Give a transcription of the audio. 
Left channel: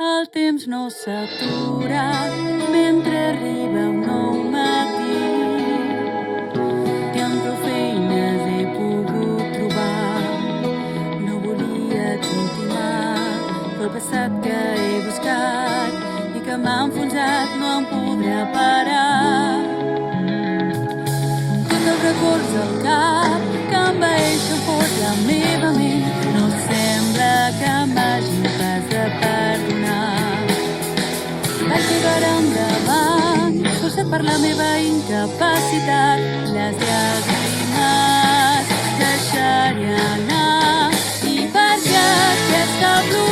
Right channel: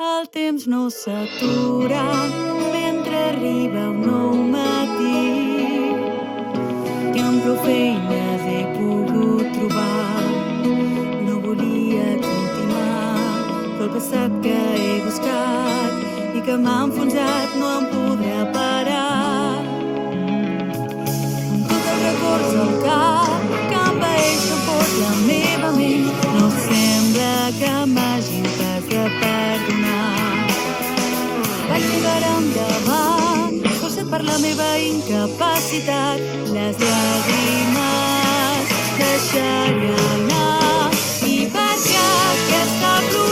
El temps no s'atura mentre arriba un nou matí que amb prou feines he pogut trobar. No volia continuar, però el passat que he buscat i que m'ha enfonsat no em podrà parar. Amb tots els records al cap que envaeixen fort la meva ment, no sembla que m'hagin pas de perdonar. Vaig tirar endavant, forçat per la meva incapacitat, les llàgrimes deixaré anar, i perquè aquesta pluma